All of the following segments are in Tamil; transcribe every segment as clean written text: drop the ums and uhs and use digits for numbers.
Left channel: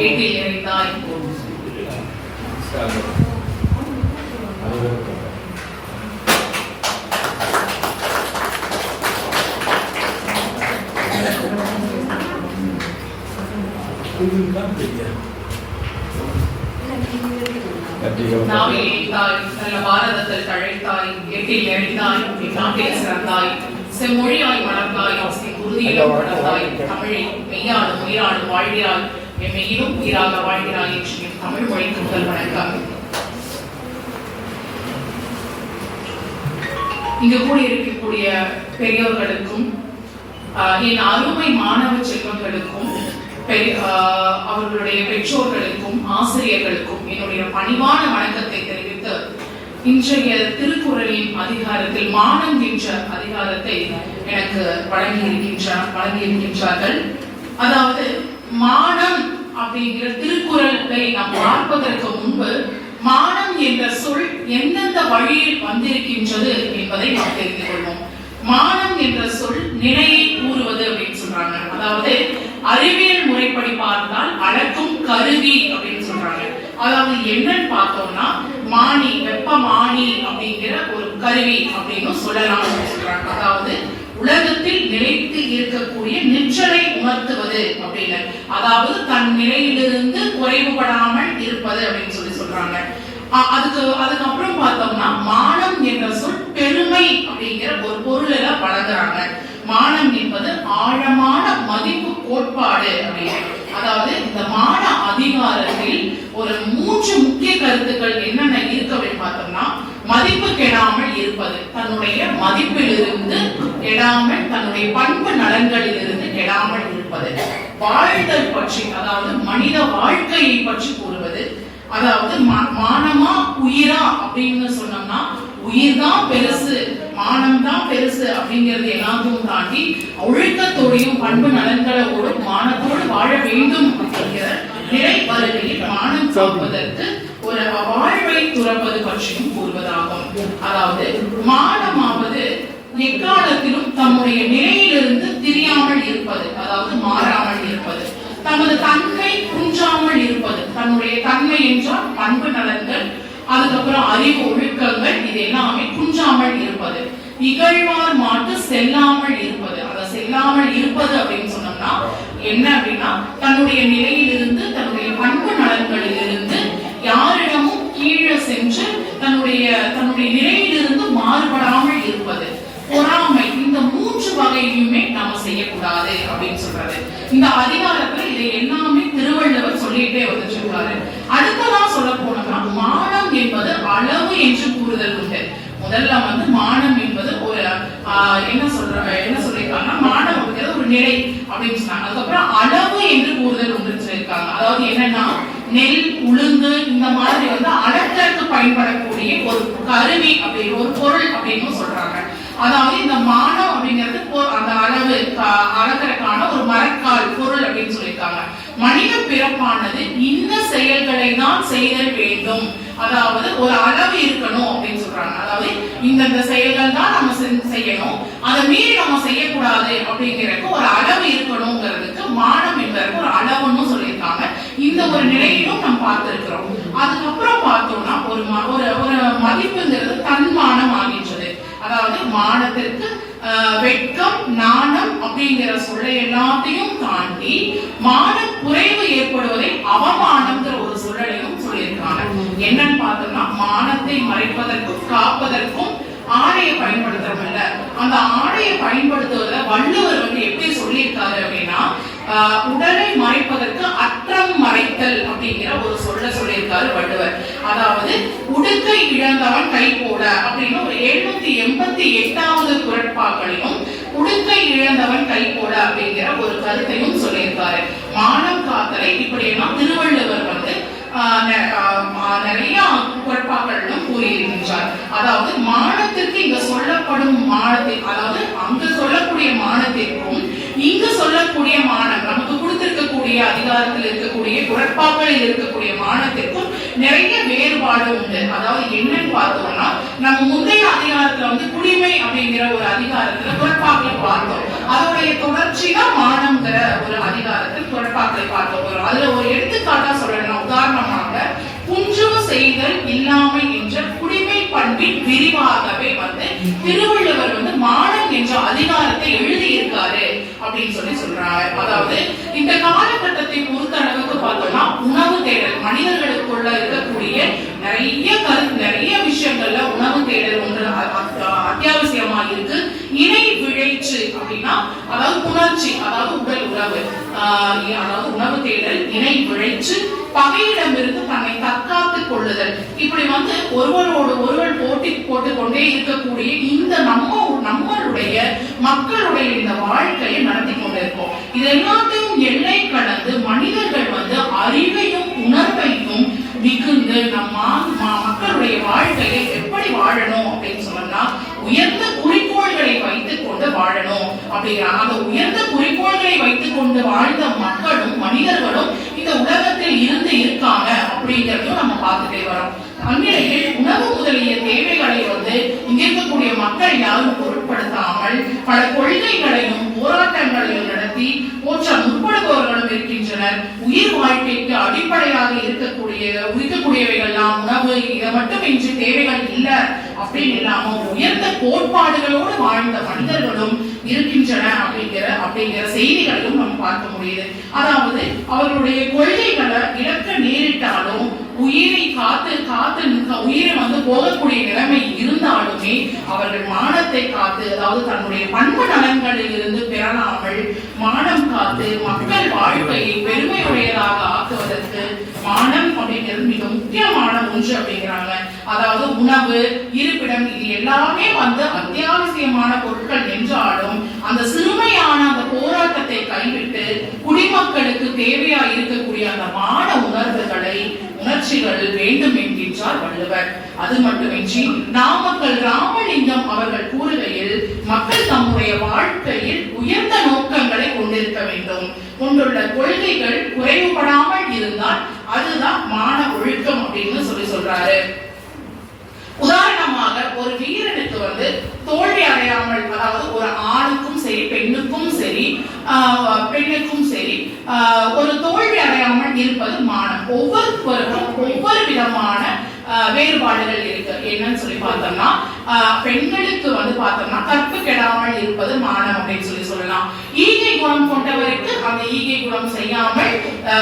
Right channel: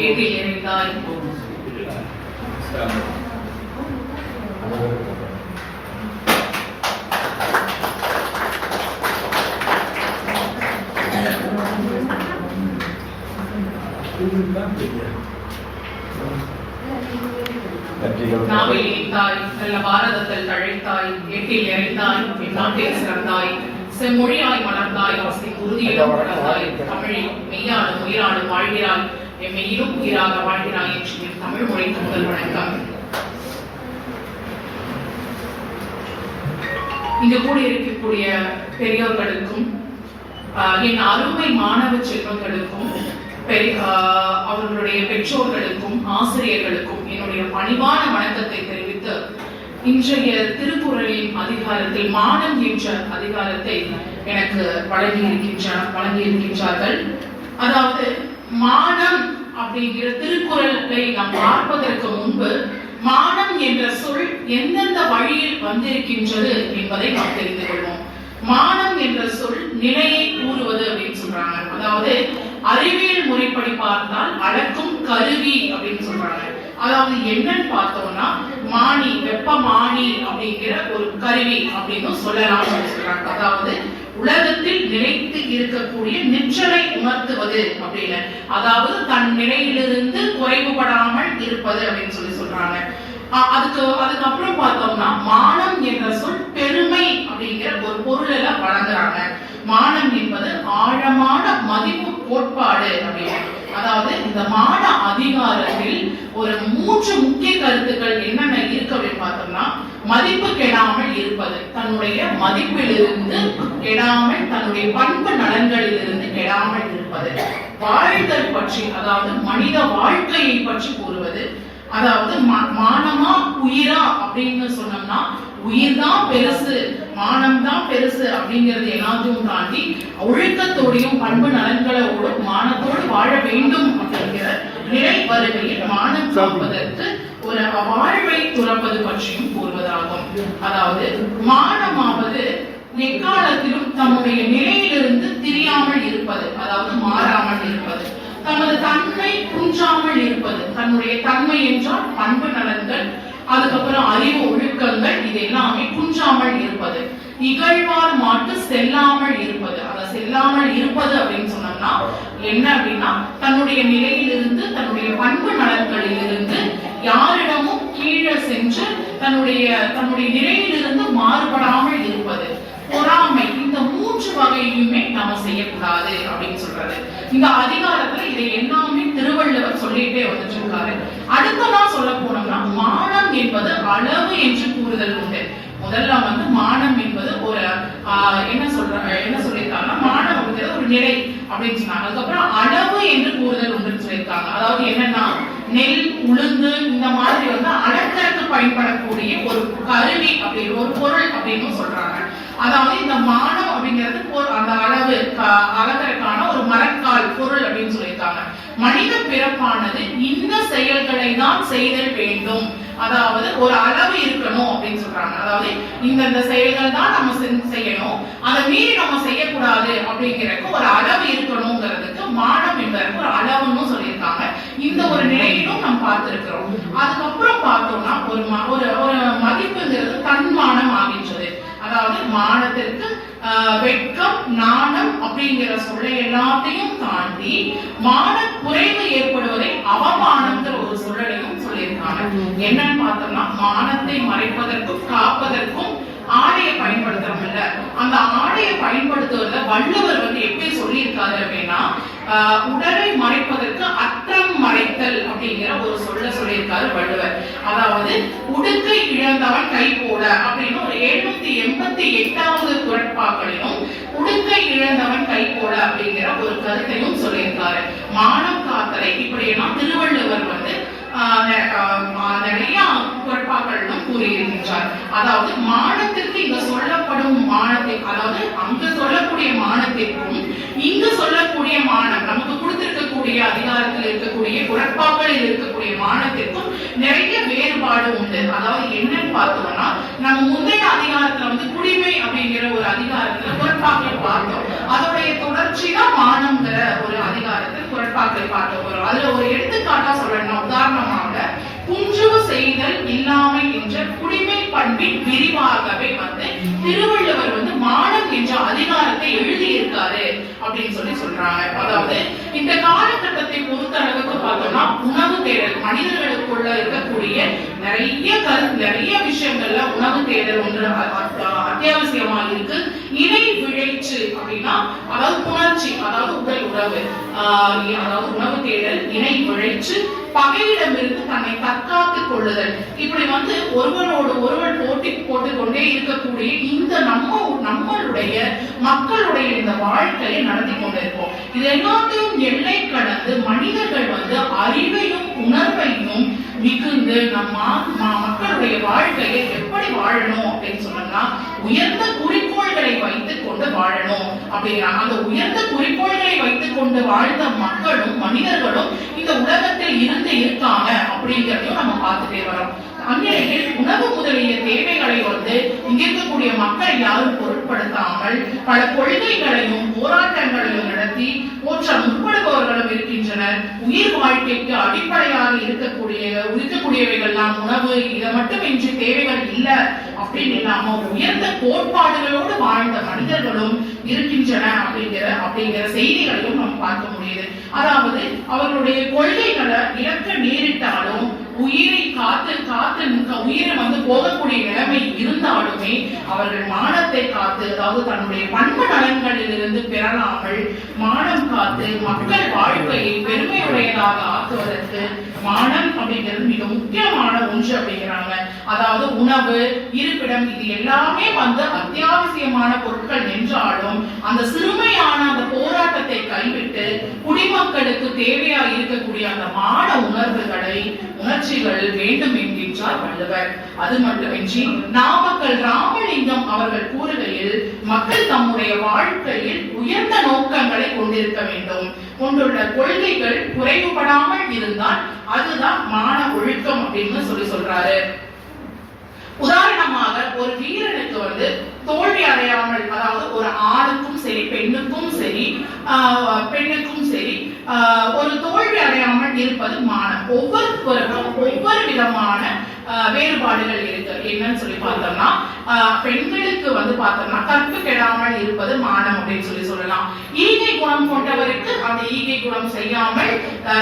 ஏட்டில் நிறைந்தாய். நாவில் ஏந்தாய், நல்ல பாரதத்தில் தழைத்தாய், எட்டில் நிறைந்தாய், என் நாட்டில் சிறந்தாய், செம்மொழியாய் மலர்ந்தாய், உறுதியிலும் வளர்ந்தாய், தமிழில் மெய்யாடும் உயிராடும் வாழ்கிறாய், என் மெய்யிலும் உயிராக வாழ்கிறாய் என்று என் தமிழ் மொழிக்கு முதல் வணக்கம். இங்கு கூடியிருக்கக்கூடிய பெரியோர்களுக்கும் என் அருமை மாணவ செல்வங்களுக்கும் அவர்களுடைய பெற்றோர்களுக்கும் ஆசிரியர்களுக்கும் என்னுடைய பணிவான வணக்கத்தை தெரிவித்து இன்றைய திருக்குறளின் அதிகாரத்தில் மானம் என்ற அதிகாரத்தை எனக்கு வழங்கியிருக்கின்றார்கள். அதாவது மானம் அப்படிங்கிற திருக்குறளை நாம் பார்ப்பதற்கு முன்பு மானம் என்ற சொல் எந்தெந்த வழியில் வந்திருக்கின்றது என்பதை நாம் தெரிந்து கொள்வோம். மானம் என்ற சொல் நிலையை கூறுவது அப்படின்னு சொல்றாங்க. அதாவது அறிவியல் முறைப்படி பார்த்தால் அளக்கும் கருவி அப்படின்னு சொல்றாங்க. அதாவது என்னன்னு பார்த்தோம்னா மானி, வெப்பமானி அப்படிங்கிற ஒரு கருவி அப்படின்னு சொல்லலாம் சொல்றாங்க. அதாவது உலகத்தில் நிலைத்து இருக்கக்கூடிய நிற்றலை உணர்த்துவது அப்படின்னு, அதாவது தன் நிலையிலிருந்து குறைவுபடாமல் இருப்பது அப்படின்னு சொல்றாங்க. அதுக்கப்புறம் பார்த்தோம்னா மானம் என்ற சொல் பெருமை அப்படிங்கிற ஒரு பொருள் எல்லாம் வழங்குறாங்க. மானம் என்பது ஆழமான மதிப்பு கோட்பாடு அப்படின்னு. அதாவது இந்த மான அதிகாரத்தில் ஒரு 3 முக்கிய கருத்துக்கள் என்னென்ன இருக்கு அப்படின்னு பார்த்தோம்னா, மதிப்பு கெடாமல் இருப்பது, தன்னுடைய மதிப்பிலிருந்து கெடாமல், தன்னுடைய பண்பு நலன்களிலிருந்து கெடாமல் இருப்பது, வாழ்தல் பற்றி, அதாவது மனித வாழ்க்கையை பற்றி கூறுவது, அதாவது மானமா உயிரா அப்படின்னு சொன்னோம்னா உயிர் தான் பெருசு, மானம் தான் பெருசு அப்படிங்கிறது எல்லாத்தையும் தாண்டி ஒழுக்கத்தோடையும் பண்பு நலன்களோடும் மானத்தோடு வாழ வேண்டும் அப்படிங்கிற நிலை வருகையில் மானம் காப்பதற்கு ஒரு வாழ்வை துறப்பது பற்றியும் கூறுவதாகும். அதாவது மானமாவது எக்காலத்திலும் தம்முடைய நிலையிலிருந்து திரியாமல் இருப்பது, அதாவது மாறாமல் இருப்பது, தமது தன்மை குன்றாமல் இருப்பது. தன்னுடைய தன்மை என்றால் பண்பு நலன்கள், அதுக்கப்புறம் அறிவு ஒழுக்கங்கள், இது எல்லாமே குன்றாமல் இருப்பது. இகழ்வார் மாட்டு செல்லாமல் இருப்பது. அதை செல்லாமல் இருப்பது அப்படின்னு சொன்னோம்னா என்ன அப்படின்னா, தன்னுடைய நிலையிலிருந்து, தன்னுடைய பண்பு நலன்களிலிருந்து யாரிடமும் கீழே சென்று தன்னுடைய நிலையிலிருந்து மாறுபடாமல் இருப்பது. பொறாமை, இந்த 3 வகையுமே நாம செய்யக்கூடாது அப்படின்னு சொல்றது. இந்த அதிகாரத்துல இதை எல்லாமே திருவள்ளுவர் சொல்லிட்டே வந்துருக்காரு. அடுத்ததான் சொல்ல போனோம்னா மானம் என்பது அளவு என்று கூறுதல் உண்டு. முதல்ல மானம் என்பது ஒரு என்ன சொல்லியிருக்காங்கன்னா, மானம் அப்படிங்கிறது ஒரு நிலை அப்படின்னு சொன்னாங்க. அதுக்கப்புறம் அளவு என்று கூறுதல் உண்டு சொல்லியிருக்காங்க. அதாவது என்னன்னா, நெல், உளுந்து இந்த மாதிரி அளத்தற்கு பயன்படக்கூடிய ஒரு கருவி அப்படின்னு, ஒரு பொருள் அப்படின்னு சொல்றாங்க. அதாவது இந்த மானம் அப்படிங்கிறது அந்த அளவு அளக்கிறதுக்கான ஒரு மரக்கால் பொருள் அப்படின்னு சொல்லியிருக்காங்க. மனித பிறப்பானது இந்த செயல்களை தான் செய்தல் வேண்டும், அதாவது ஒரு அளவு இருக்கணும் அப்படின்னு சொல்றாங்க. அதாவது இந்த செயல்கள் தான் நம்ம செய்யணும், அதை மீறி நம்ம செய்யக்கூடாது அப்படிங்கிறதுக்கு ஒரு அளவு இருக்கணுங்கிறதுக்கு மானம் என்பதற்கு ஒரு அளவுன்னு சொல்லியிருக்காங்க. இந்த ஒரு நிலையிலும் நம்ம பார்த்திருக்கிறோம். அதுக்கப்புறம் பார்த்தோம்னா ஒரு மதிப்புங்கிறது தன்மானம் ஆகின்றது. அதாவது மானத்திற்கு வெட்கம், நாணம் அப்படிங்கிற சொல்லை எல்லாத்தையும் தாண்டி மான குறைவு ஏற்படுவதை அவமானம்ங்கிற ஒரு சொல்லலையும் சொல்லியிருக்காங்க. என்னன்னு பார்த்தோம்னா, மானத்தை மறைப்பதற்கும் காப்பதற்கும் ஆடையை பயன்படுத்துறோம்ல, அந்த ஆடையை பயன்படுத்துவத வள்ளுவர் எப்படி சொல்லியிருக்காரு அப்படின்னா, உடலை மறைப்பதற்கு அற்றம் மறைத்தல் அப்படிங்கிற ஒரு சொல்லியிருக்காரு வள்ளுவர். அதாவது உடுக்கை இழந்தவன் கை போட அப்படின்னு ஒரு 788வது குறட்பாக்களிலும் உடுக்கை இழந்தவன் கை போட அப்படிங்கிற ஒரு கருத்தையும் சொல்லியிருக்காரு. மானம் காத்தலை இப்படியெல்லாம் திருவள்ளுவர் நிறைய குறட்பாக்களிலும் கூறியிருக்கின்றார். அதாவது மானத்திற்கு இங்க சொல்லப்படும் மானத்திற்கு, அதாவது அங்கு சொல்லக்கூடிய மானத்திற்கும் இங்கு சொல்லக்கூடிய மானம், நமக்கு கொடுத்திருக்கக்கூடிய அதிகாரத்தில் இருக்கக்கூடிய குறட்பாக்களில் இருக்கக்கூடிய மானத்திற்கும் நிறைய வேறுபாடு உண்டு. அதாவது என்னன்னு பார்த்தோம்னா, நம்ம முந்தைய அதிகாரத்துல குடிமை அப்படிங்கிற ஒரு அதிகாரத்துல குறட்பாக்களை பார்த்தோம். அதோடைய தொடர்ச்சி தான் மானம்ங்கிற ஒரு அதிகாரத்தில் குறட்பாக்களை பார்த்தோம். அதுல ஒரு எடுத்துக்காட்டு சொல்லி சொல்றாங்க. அதாவது இந்த காலகட்டத்தை பொறுத்த அளவுக்கு பார்த்தோம்னா உணவு தேடல் மனிதர்களுக்குள்ள இருக்கக்கூடிய நிறைய விஷயங்கள்ல உணவு தேடல் ஒன்று அத்தியாவசியமா இருக்கு. இணை விளைச்சு அப்படின்னா அதாவது புணர்ச்சி, அதாவது உடல் உறவு, அதாவது உணவு தேடல், இணை விளைச்சு, பகையிடமிருந்து தன்னை தற்காத்துக் கொள்ளுதல். இப்படி ஒருவரோடு ஒருவர் போட்டி போட்டுக்கொண்டே இருக்கக்கூடிய இந்த நம்மளுடைய மக்களுடைய இந்த வாழ்க்கையை நடத்தி கொண்டிருக்கோம். இது எல்லாத்தையும் எல்லை கடந்து மனிதர்கள் அறிவையும் உணர்வையும் மிகுந்து மக்களுடைய வாழ்க்கையை எப்படி வாழணும் அப்படின்னு சொன்னோம்னா உயர்ந்த குறிக்கோள்களை வைத்துக் கொண்டு வாழணும் அப்படிங்கிறாங்க. அந்த உயர்ந்த குறிக்கோள்களை வைத்துக் கொண்டு வாழ்ந்த மக்களும் மனிதர்களும் இந்த உலகத்தில் இருக்காங்க அப்படிங்கிறதையும் நம்ம பார்த்துட்டே வரோம். அந்நிலையில் உணவு முதலிய தேவைகளை இங்க இருக்கக்கூடிய மக்கள் யாரும் பொருட்படுத்தாமல் பல கொள்கைகளையும் போராட்டங்களையும் நடத்தி போற்ற முற்படுபவர்களும் இருக்கின்றனர். உயிர் வாழ்க்கைக்கு அடிப்படையாக இருக்கக்கூடியவைகள்லாம் உணவு, இதை மட்டும் இன்றி தேவைகள் இல்லை அப்படின்னு இல்லாம உயர்ந்த கோட்பாடுகளோடு வாழ்ந்த மனிதர்களும் இருக்கின்றன அப்படிங்கிற செய்திகளையும் நம்ம பார்க்க முடியுது. அதாவது அவர்களுடைய கொள்கைகளை இழக்க நேரிட்டாலும் உயிரை காத்து உயிரை போகக்கூடிய நிலைமை இருந்தாலுமே அவர்கள் மானத்தை காத்து, அதாவது தன்னுடைய பண்பு நலன்களில் இருந்து பெறலாமல் மானம் காத்து மக்கள் வாழ்க்கையை பெருமையுடையதாக ஆக்குவதற்கு மானம் அப்படிங்கிறது மிக முக்கியமான ஒன்று அப்படிங்கிறாங்க. அதாவது உணவு, இருப்பிடம், இது எல்லாமே அத்தியாவசியமான பொருட்கள் என்றாலும் அந்த சிறுமையான அந்த போராட்டத்தை கைவிட்டு குடிமக்களுக்கு தேவையா இருக்கக்கூடிய அந்த மான உணர்ச்சிகள் வேண்டும் என்கின்றார் வள்ளுவர். அது மட்டுமின்றி நாமக்கல் ராமலிங்கம் அவர்கள் கூறுகையில் மக்கள் தம்முடைய வாழ்க்கையில் உயர்ந்த நோக்கங்களை கொண்டுள்ள கொள்கைகள் குறைவுபடாமல் இருந்தால் அதுதான் மான ஒழுக்கம் அப்படின்னு சொல்றாரு. உதாரணமாக ஒரு வீரனுக்கு தோல்வி அடையாமல், அதாவது ஒரு ஆணுக்கும் சரி பெண்ணுக்கும் சரி ஒரு தோல்வி அடையாமல் இருப்பது மானம். ஒவ்வொருவருக்கும் ஒவ்வொரு விதமான வேறுபாடுகள் இருக்கு. என்னன்னு சொல்லி பார்த்தோம்னா பெண்களுக்கு பார்த்தோம்னா கற்பு கெடாமல் இருப்பது மானம் அப்படின்னு சொல்லலாம். ஈகை குணம் கொண்டவருக்கு அந்த ஈகை குணம்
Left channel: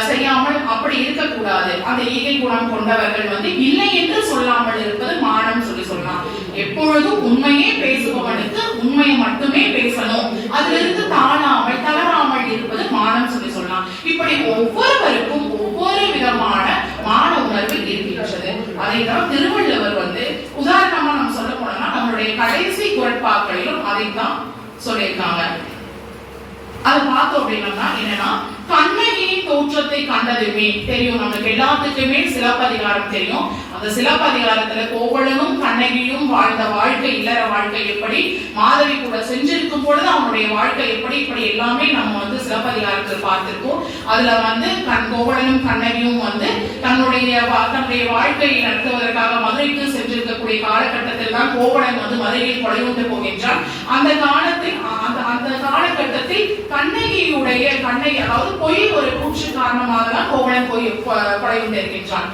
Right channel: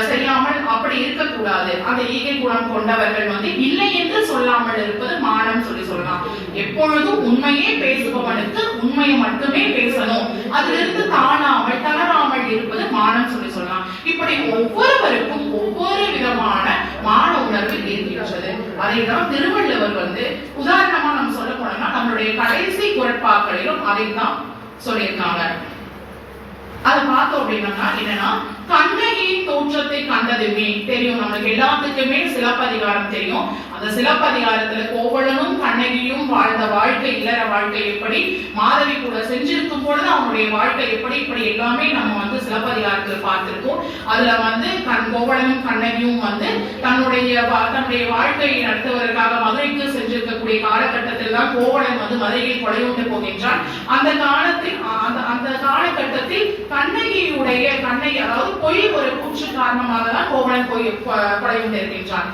செய்யாமல் அப்படி இருக்கக்கூடாது. அந்த ஈகை குணம் கொண்டவர்கள் இல்லை என்று சொல்லாமல் இருப்பது மானம் சொல்லலாம். எப்பொழுதும் உண்மையே பேசுபவனுக்கு உண்மையை மட்டுமே பேசணும், அதிலிருந்து தாழாமல் தளராமல் இருப்பது மானம் சொல்லலாம். இப்படி ஒவ்வொருவருக்கும் ஒவ்வொரு விதமான மான உணர்வு இருக்கின்றது. அதைத்தான் திருவள்ளுவர் உதாரணமா நம்ம சொல்ல போனோம்னா நம்மளுடைய கடைசி குறட்பாக்களிலும் அதைத்தான் சொல்லியிருக்காங்க. அதை பார்த்தோம் அப்படின்னா என்னன்னா, கண்ணகியின் தோற்றத்தை கண்டதுமே தெரியும். நமக்கு எல்லாத்துக்குமே சிலப்பதிகாரம் தெரியும். அந்த சிலப்பதிகாரத்துல கோவலனும் கண்ணகியும் வாழ்ந்த வாழ்க்கை, இல்லற வாழ்க்கை எப்படி, மாதவி கூட செஞ்சிருக்கும் பொழுது அவனுடைய வாழ்க்கை எப்படி, இப்படி எல்லாமே நம்ம சிலப்பதிகாரத்தில் பார்த்திருக்கோம். அதுல கோவலனும் கண்ணகியும் தன்னுடைய வாழ்க்கையை நடத்துவதற்காக மதுரைக்கு சென்றிருக்கக்கூடிய காலகட்டத்தில் தான் கோவலன் மதுரையில் கொலையுண்டு போகின்றான். அந்த காலகட்டத்தில் கண்ணகியுடைய அதாவது பொய் ஒரு கூற்று காரணமாக தான் கோவலன் கொலையுண்டு இருக்கின்றான்.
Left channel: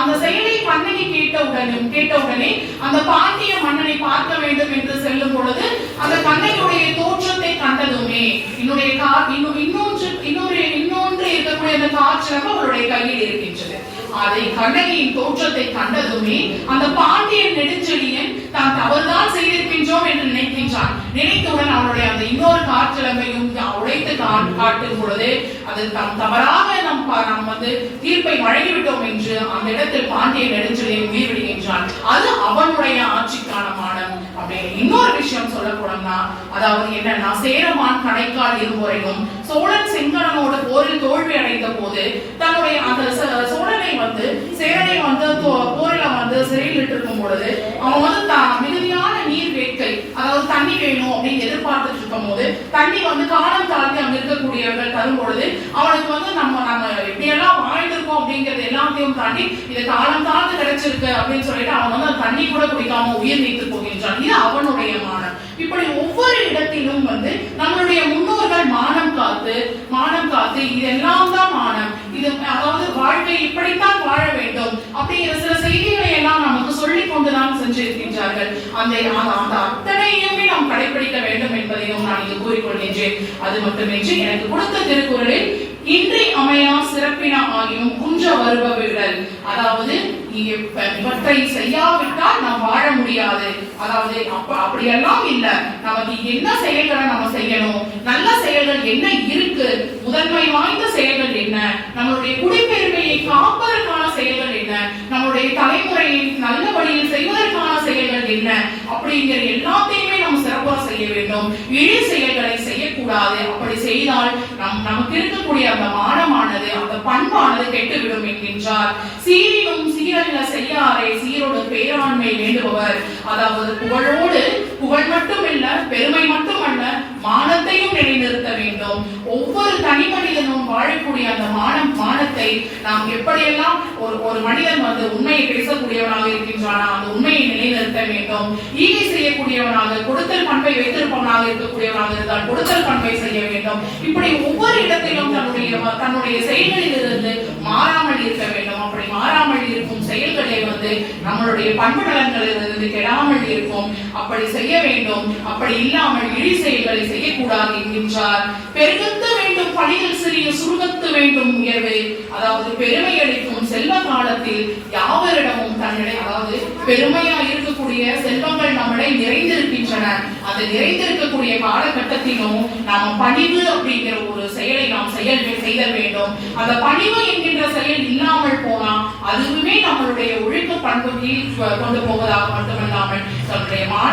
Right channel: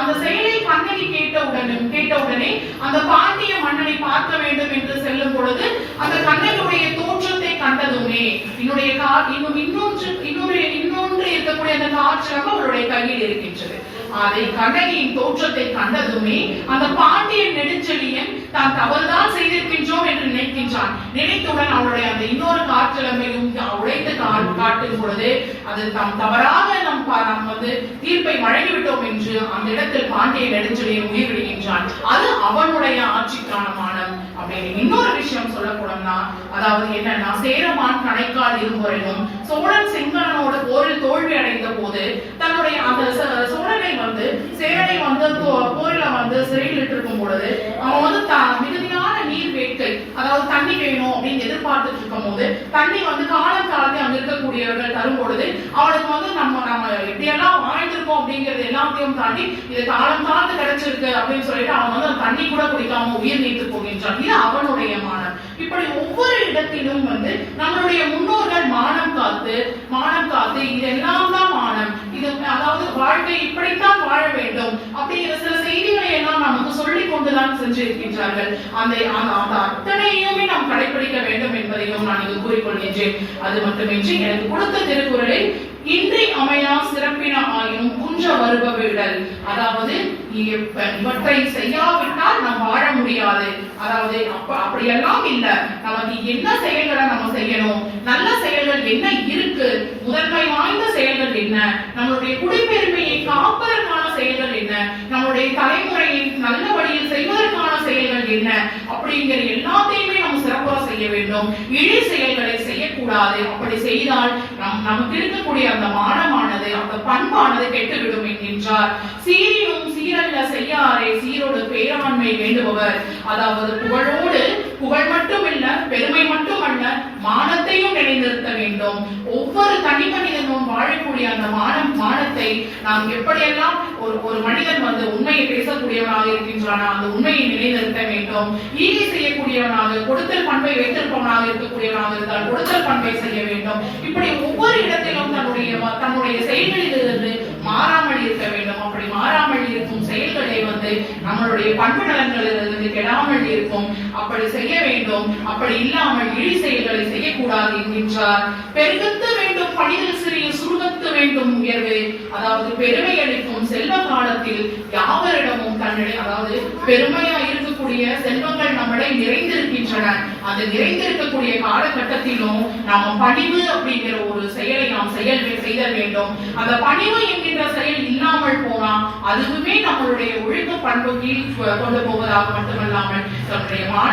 அந்த செயலை கண்ணகி கேட்டவுடனே அந்த பாண்டிய மன்னனை பார்க்க வேண்டும் என்று செல்லும் பொழுது அந்த கண்ணகியுடைய தோற்றத்தை கண்டதுமே இன்னொன்று இருக்கக்கூடிய அந்த காட்சியாக அவருடைய கையில் இருக்கின்றது. அதை கண்ணகியின் தோற்றத்தை கண்டதுமே அந்த பாண்டியன் நெடுஞ்செழியன் தான் தவறுதான் செய்திருக்கின்றோம் என்று நினைக்கின்றான். நினைத்தவுடன் அவருடைய அந்த இன்னொரு காற்றலமையும் உடைத்து காட்டும் பொழுது அது தாம் தவறாக நாம் தீர்ப்பை வழங்கிவிட்டோம் என்று அந்த இடத்தில் பாண்டிய நெடுஞ்செழியன் உயிர் விடுகின்றான். அது அவனுடைய ஆட்சிக்கான மானம் அப்படின்னு. இன்னொரு விஷயம் சொல்ல போனோம்னா, அதாவது என்னன்னா, சேரமான் கணைக்கால் இருமுறையும் சோழன் செங்கணனோடு போரில் தோல்வி அடைந்த போது தன்னுடைய அந்த சோழனை சேரனை போரில சிறையில் இருக்கும் பொழுது அவன் மிகுதியான நீர் வேட்கை, அதாவது தண்ணி வேணும் அப்படின்னு எதிர்பார்த்துட்டு இருக்கும் போது தண்ணி காலம் தாழ்ந்து அங்க இருக்கக்கூடியவர்கள் தரும் பொழுது அவனுக்கு நம்ம எப்படியெல்லாம் வாழ்ந்திருக்கோம் அப்படிங்கறது எல்லாத்தையும் தாண்டி இது காலம் தாழ்ந்து கிடைச்சிருக்கு அப்படின்னு சொல்லிட்டு அவன் தண்ணி கூட குடிக்காம உயிர் நீத்து போகின்றான். இது அவனுடைய மானம். இப்படி ஒவ்வொரு இடத்திலும் நம்மளுடைய முன்னோர்கள் மானம் காத்து இதெல்லாம் தான் மானம். இது அதாவது வாழ்க்கை இப்படித்தான் வாழ வேண்டும் அப்படிங்கிற சில செய்திகளை எல்லாம் நமக்கு சொல்லிக் கொண்டுதான் சென்றிருக்கின்றார்கள். அந்த அத்தனையுமே நாம் கடைபிடிக்க வேண்டும் என்பதையும் வேண்டும் நான் இது கூறிக்கொள்கின்றேன். அது மட்டுமின்றி எனக்கு கொடுத்த திருக்குறளில் இன்றி அமையா சிறப்பின ஆகியும் குன்ற வருப விடல், அதாவது இவற்றை செய்யாவிட்டால் நாம் வாழ முடியாது. அதாவது அப்படியெல்லாம் இல்ல, நமக்கு என்ன செயல்களை நம்ம செய்யணும், நல்ல செயல்கள் என்ன இருக்கு, முதன்மை வாய்ந்த செயல்கள் என்ன, நம்மளுடைய குடிப்பெருமையை காப்பதற்கான செயல்கள் என்ன, நம்மளுடைய தலைமுறையை நல்ல வழியில் செய்வதற்கான செயல்கள் என்ன, அப்படிங்கிற எல்லாத்தையுமே நம்ம சிறப்பாக செய்ய வேண்டும். இழி செயல்களை செய்யக்கூடாது. அப்படி செய்தால் நமக்கு இருக்கக்கூடிய அந்த மானமானது, அந்த பண்பானது கெட்டுவிடும் என்கின்றார். சீரினும் சீரல்ல செய்யாரே சீரோடு பேராண்மை வேண்டுபவர், அதாவது புகழோடு புகழ் மட்டும் இல்ல, பெருமை மட்டுமல்ல, மானத்தையும் நிலைநிறுத்த வேண்டும். ஒவ்வொரு தனி மனிதனும் வாழக்கூடிய அந்த மானத்தை நாம் எப்படியெல்லாம் ஒரு மனிதன் உண்மையை பேசக்கூடியவனாக இருக்கின்றானா அந்த உண்மையை நிலைநிறுத்த வேண்டும். ஈகை செய்யக்கூடியவனாக, கொடுத்தல் பண்பை வைத்திருப்பவனாக இருக்கக்கூடியவனாக இருந்தால் கொடுத்தல் பண்பை செய்ய வேண்டும். இப்படி ஒவ்வொரு இடத்திலும் தன்னுடைய செயல்களில் இருந்து மாறாமல் இருக்க வேண்டும். அப்படி மாறாமல் இருக்கும் செயல்களை நம்மளுடைய பண்பு நலன்களிலிருந்து கெடாமல் இருக்கும். அப்படி செய்ய வேண்டும். அப்படி இல்லாமல் இழி செயல்களை செய்யக்கூடாது என்கின்றார். பெருகத்த வேண்டும் பணிகள் சிறிய சுருகத்து வேண்டும் உயர்வு, அதாவது பெருமை அளிக்கும் செல்வ காலத்தில் யாவரிடமும் தன்னிடை, அதாவது பெருமையா இருக்கக்கூடிய செல்வங்கள் நம்மளை நிறைந்திருக்கின்றன. அது நிறைந்திருக்கக்கூடிய காலகட்டத்திலும் நாம் பணிவு அப்படிங்கிற ஒரு செயலை நாம் செய்ய வேண்டும். அந்த பணிவு என்கின்ற செயல் இல்லாமல் போனா அதுவுமே நம்மளுடைய ஒழுக்க பண்பு கீழ் கொண்டு போவதாக மட்டுமல்லாமல் நம்முடைய மான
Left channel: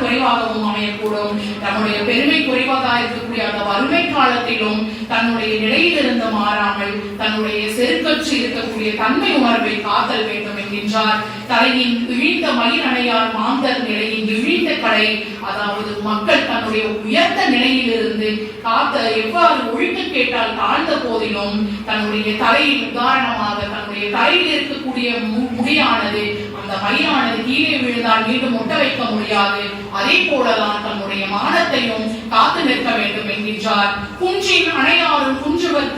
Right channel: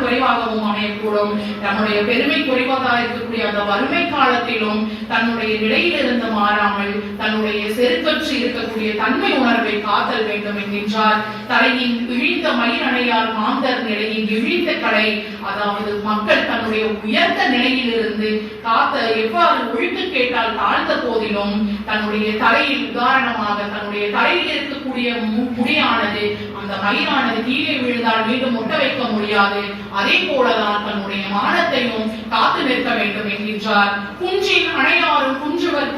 குறைவாகவும் அமையக்கூடும். நம்முடைய பெருமை குறைவாக இருக்கக்கூடிய அந்த வறுமை காலத்திலும் தன்னுடைய நிலையிலிருந்து மாறாமல் தன்னுடைய செருக்கற்று இருக்கக்கூடிய தன்மை உணர்வை காத்தல் வேண்டும் என்கின்றார். தலையின் இழிந்த மயிர் அணையார் மாந்தர் நிலையின் இழிந்த கடை, அதாவது மக்கள் தன்னுடைய உயர்ந்த நிலையிலிருந்து காத்த எவ்வாறு ஒழுக்க கேட்டால் தாழ்ந்த போதிலும் தன்னுடைய தலையில் உதாரணமாக தன்னுடைய தலையில் இருக்கக்கூடிய முடியானது, அந்த மயிரானது கீழே விழுந்தால் மீண்டும் முட்ட வைக்க முடியாது. அதே போலதான் தன்னுடைய மானத்தையும் காத்து நிற்க வேண்டும் என்கின்றார். குன்றின் அணையாரும் குன்றுவர்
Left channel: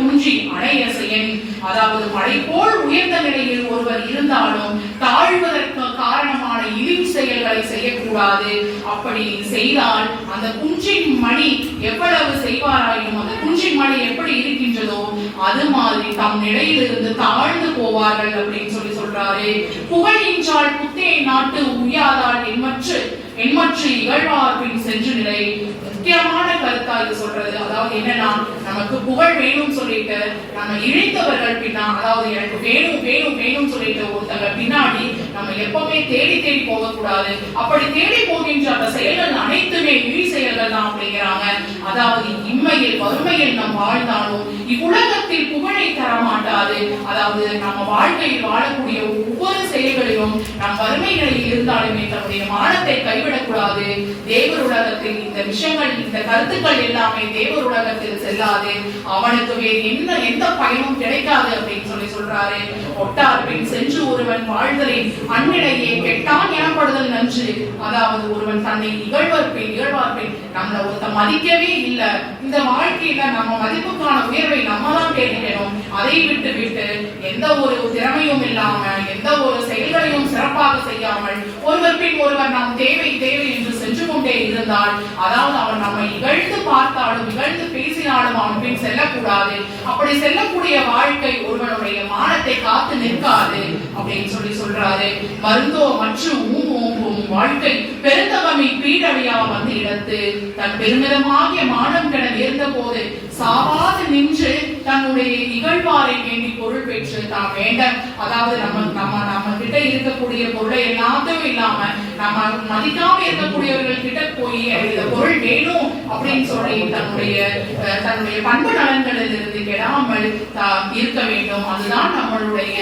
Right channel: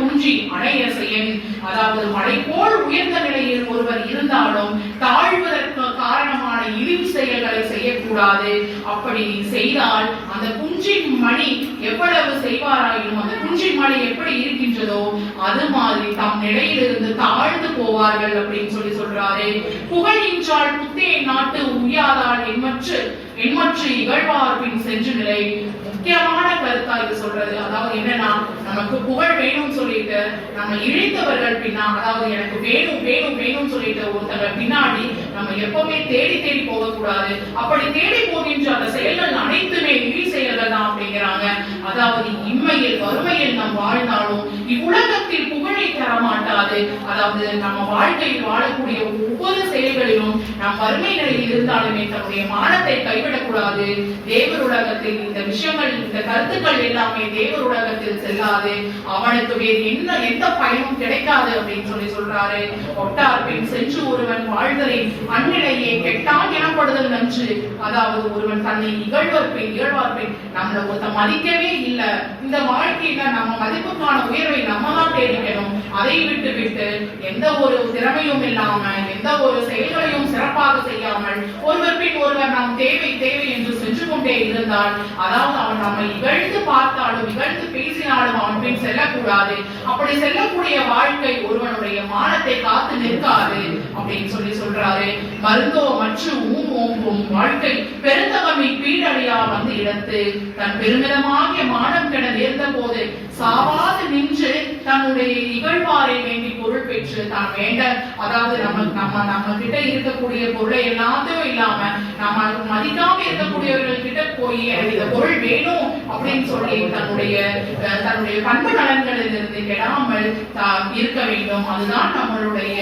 குன்றி அணைய செயன், அதாவது மழை போல் உயர்ந்த நிலையில் ஒருவர் இருந்தாலும் தாழ்வதற்கு காரணமான இழிவு செயல்களை செய்யக்கூடாது. அப்படி செய்தால் அந்த குன்றின் மணி எவ்வளவு செய்வாராயும் அந்த குன்றின் மணி எப்படி இருக்கின்றதோ அது மாதிரி தம் நிலையிலிருந்து தாழ்ந்து போவார்கள் அப்படின்னு சொல்றாரு. புகழ் என்றால் புத்தே நாட்டு உய்யாதால் எண்மற்று இகழ்வார் பின் சென்று நிலை. முக்கியமான கருத்தா இது சொல்றது. அதாவது என்னன்னா, நமக்கு புகழ் வேணும்னு சொல்லிட்டு நம்ம இழித்தவர்கள் பின்னா, அதாவது எனக்கு வேணும் சொல்லிட்டு ஒருத்தங்க பின்னாடி நம்ம எப்பவுமே தேடி போகக்கூடாது. அப்படி தேடி போகின்ற அந்த செயல்கள் அனைத்துமே இழி செயல்கள் தான் அப்படிங்கிறாங்க. அதாவது இம்மையில் வறுமையில் நாம் வாழ்ந்தாலும் இவ்வுலகத்தில் புகழை தர மாட்டாது. அதாவது நம்ம வாழ்க்கையில் வாழக்கூடிய ஒவ்வொரு செயல்களிலும் நம் வறுமை நிலையில் இருந்தாலுமே தன்னுடைய மானத்தை கைவிடக்கூடாது. தேவர் உலகத்தில் இந்த விஷயங்கள், இந்த கருத்துக்கள் எல்லாமே தேவர் உலகத்தில் செல்லாது. அவனுக்கு வேறு எந்த பயனும் கிடைக்காது அப்படின்னு சொல்றாரு. ஒட்டார் பின் சென்று ஒருவன் வாழ்தலின் அந்நிலையே கெட்டான் எனப்படுதல் நன்று. அதாவது ஒருவன் தன்னை இகழ்வார் பின் நம்மள ஒருத்த மதிக்கவே இல்ல, இந்த வாழ்க்கையில நம்ம மதிப்புக்கான உயர்வை நம்ம தான் தேடிக்கணும். அதை விட்டு எந்த ஒரு திறமையும் இல்லாம எந்த ஒரு செயல்களையும் சிறப்பாக செய்யாமல் ஒருவர் பின் ஒருவர் நாம் தேவை என்று சென்று கொண்டே இருந்தால், அதாவது அவன் நம்மை இகழ்ந்து பார்த்தாலும் இகழ்ந்து பேசினாலும் அவன் பின் செல்லக்கூடாது. அப்படி செல்லக்கூடிய வாழ்க்கை ஒருவனுடைய மானத்தை காத்து நிற்காது அப்படின்னு சொல்றாரு. மருந்தோ மற்றும் ஓங்கும் வாழ்க்கை பெருந்தகமை பீடவையா வந்து இடத்து தன் பெருமிதமாகிய மானம் கென நேர்ந்த போது சாவாது நின்று தன்னுடைய இகழ்வாரை வேண்டி பொருள் பெற்று தான் வேண்ட, அதாவது நம்ம கிட்ட இருக்கக்கூடிய பொருளை எல்லாத்தையும் இல்லாம நம்ம மதிக்காம இருக்கக்கூடியவர்கள் கிட்ட போய் இந்த பொருள் வேணும் அப்படின்னு சொல்லி தன்னுடைய பண்பு நலன்களில் இருந்து கெடாமல் இருக்க வேண்டும். அதுதான் நம்மளுடைய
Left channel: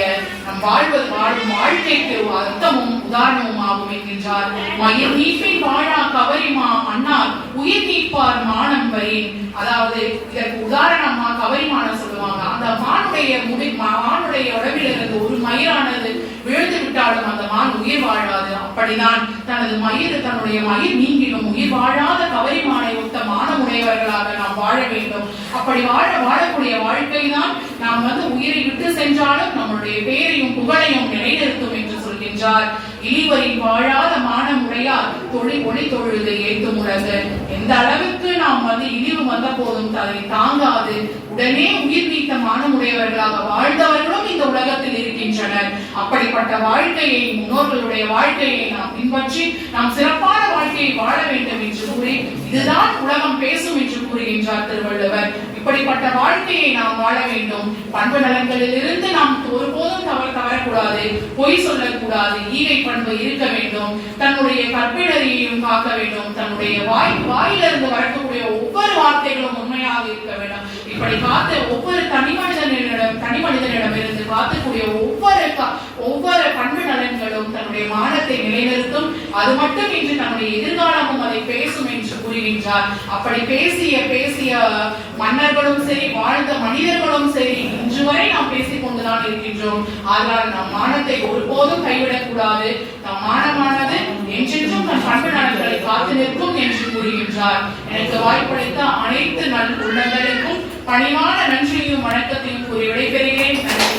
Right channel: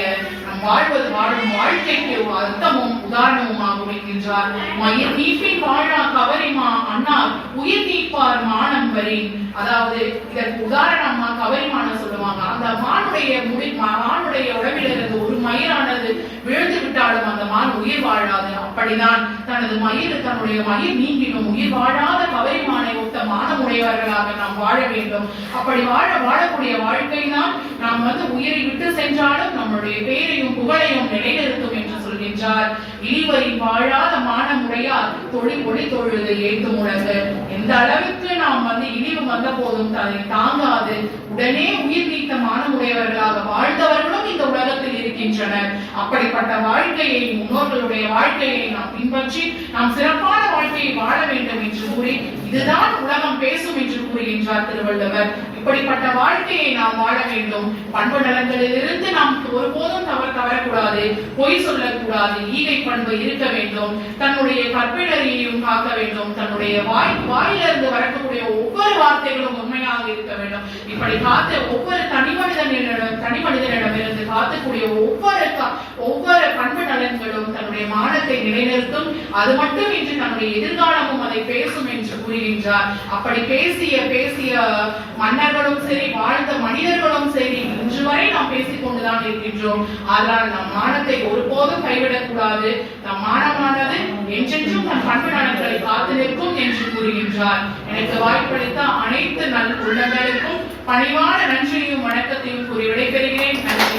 வாழும் வாழ்க்கைக்கு அர்த்தமும் உதாரணமும் ஆகும் என்கின்றார். மயிர் நீப்பின் வாழா கவரிமா அண்ணார் உயிர் நீப்பார் மானம் வரி. அதாவது இதற்கு உதாரணமா கவரிமானம் சொல்லுவாங்க. அந்த மானுடைய உடம்பில் இருந்து ஒரு மயிரானது விழுந்து விட்டாலும் அந்த மான் உயிர் வாழாது. அப்படிதான் தன்னுடைய மயிர் நீங்கிடும் உயிர் வாழாத கவரிமானை ஒத்த மானமுடையவர்களாக நாம் வாழ வேண்டும். அப்படி வாழக்கூடிய வாழ்க்கை தான் நாம் உயிரை விட்டு சென்றாலும் நம்முடைய பேரையும் புகழையும் நிலைநிறுத்தும் என்று சொல்கின்றார். இனிவரின் வாழாத மானமுடையார் ஒளி தொழுது ஏத்தும் உலகு. எந்த அளவுக்கு நாம் இழிவு வந்த போதும் அதை தாங்காது உடனே உயிர் நீத்த மானமுடையவர்களாக வாழ்ந்தவர்களும் இந்த உலகத்தில் இருக்கின்றனர். அப்படிப்பட்ட வாழ்க்கையை, முன்னோர்களுடைய வாழ்க்கையை நாம் பின்பற்றி நாம் சிறப்பான வாழ்க்கையை வாழ வேண்டும் என்று கூறி, இதுதான் உலகம் பேசும் என்று கூறுகின்றார் திருவள்ளுவர். இப்படிப்பட்ட வாழ்க்கையை நாம் வாழ வேண்டும். பண்பு நலன்களிலிருந்து நாம் ஒருபோதும் தவறக்கூடாது, பொய் சொல்லக்கூடாது, ஈகை பண்பு இருக்க வேண்டும், தன்னுடைய கற்பிணரையும் காக்க வேண்டும், தன்னுடைய வாயிலிருந்து வரக்கூடிய ஒவ்வொரு வார்த்தைகளும் உண்மையாக இருக்க வேண்டும். இப்படி காத்த ஒவ்வொரு தனிமனிதனிடமிருந்து காத்தக்கூடிய ஒவ்வொரு பண்பு நலன்களும் தன்னுடைய மானத்தை நிலைநிறுத்தும். அது மட்டும் இன்று நம்முடைய எதிர்காலமும் அதை பேசும் என்று கூறுகின்றார். அப்படி பேசிய மன்னர்களும் சரி, வாழ்ந்த மனிதர்களும் சரி, இன்று வரை நாம் பேசிக் கொண்டுதான் இருக்கின்றோம். அதனால் நம் மானத்தை ஒருபோதும் கைவிடக் கூடாது. நம் மானமானது என்றென்றும் தன் பண்பு நலன்களை காத்து நிற்கும் என்று கூறுகின்றார். எனக்கு வாய்ப்பளித்த அனைத்து நல் உள்ளங்களுக்கும் பணிவான நன்றியும் வணக்கத்தையும் கூறி விடைபெறுகிறேன். நன்றி.